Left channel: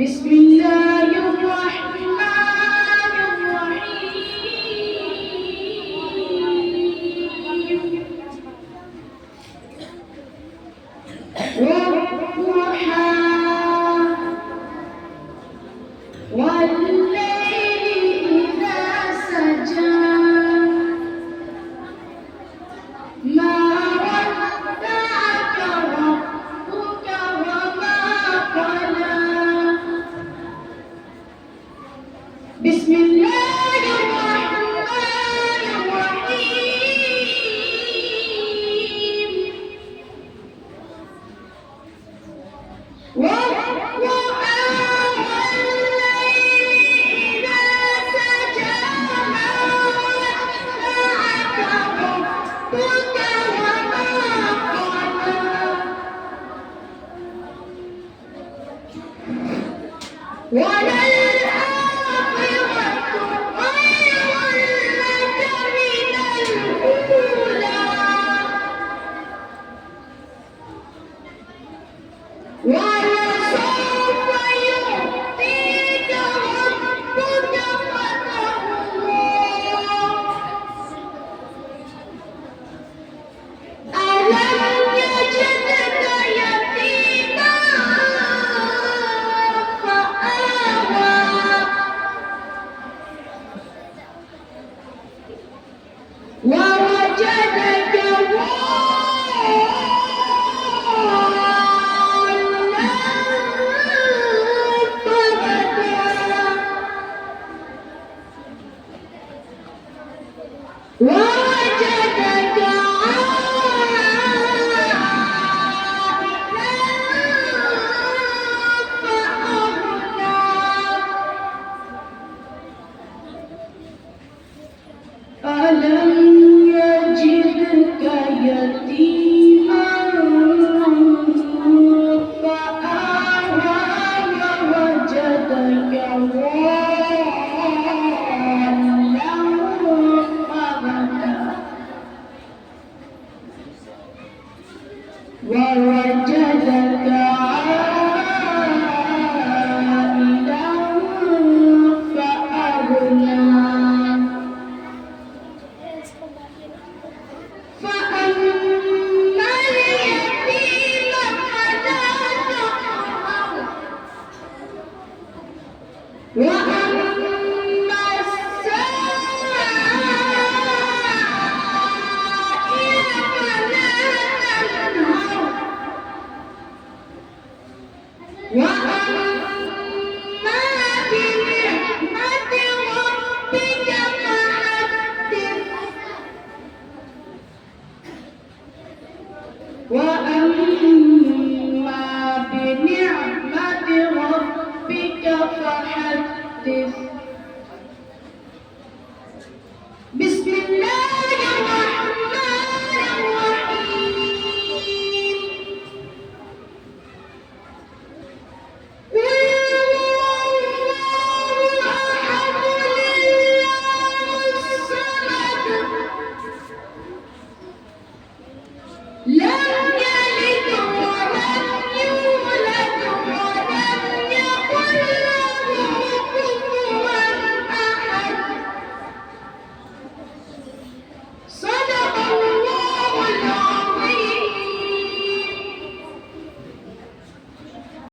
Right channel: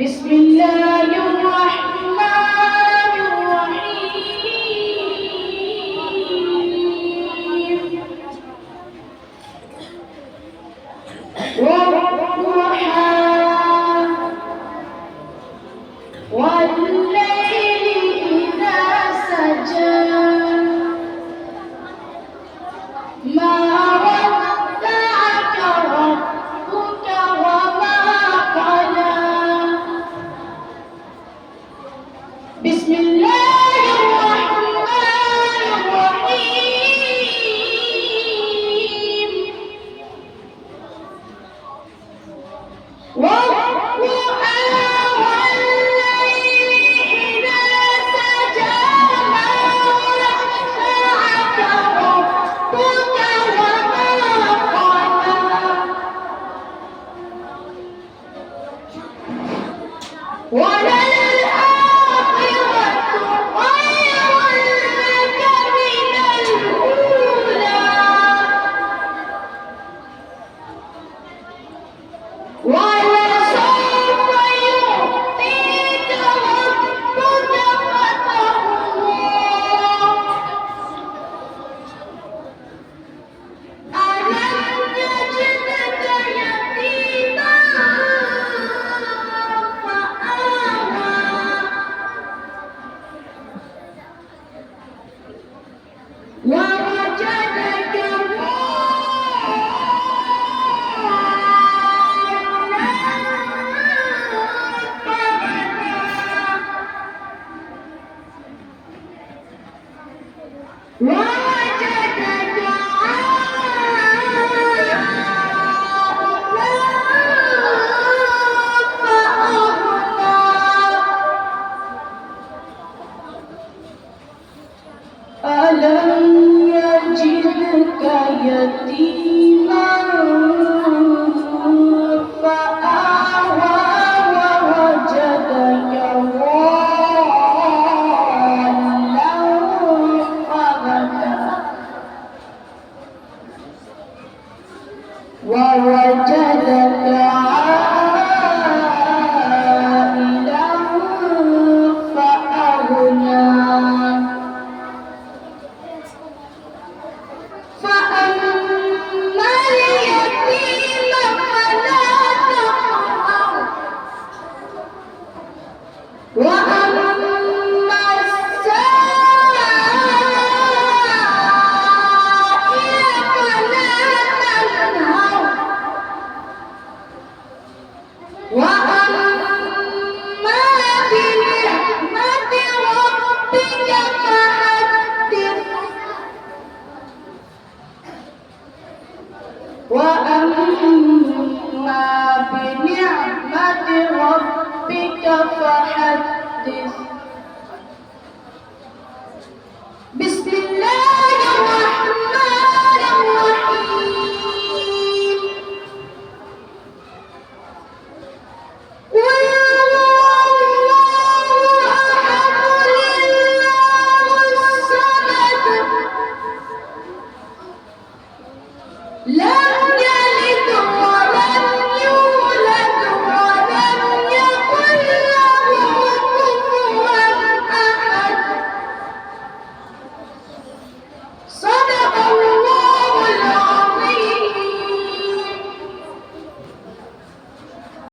بسم الله الرحمن الرحيم والضحى والليل إذا سجى ما ودعك ربك وما قلى بسم الله الرحمن الرحيم والضحى والليل إذا سجى ما ودعك ربك وما قلى وللآخرة خير لك من الأولى ولسوف يعطيك ربك فترضى ألم يجدك يتيما فآوى ووجدك ضالا فهدى ووجدك عائلا فأغنى ألم يجدك يتيما فآوى ووجدك ضالا فهدى ووجدك عائلا فأغنى فأما اليتيم فلا تقهر وأما السائل فلا تنهر وأما بنعمة ربك فحدث وأما بنعمة ربك فحدث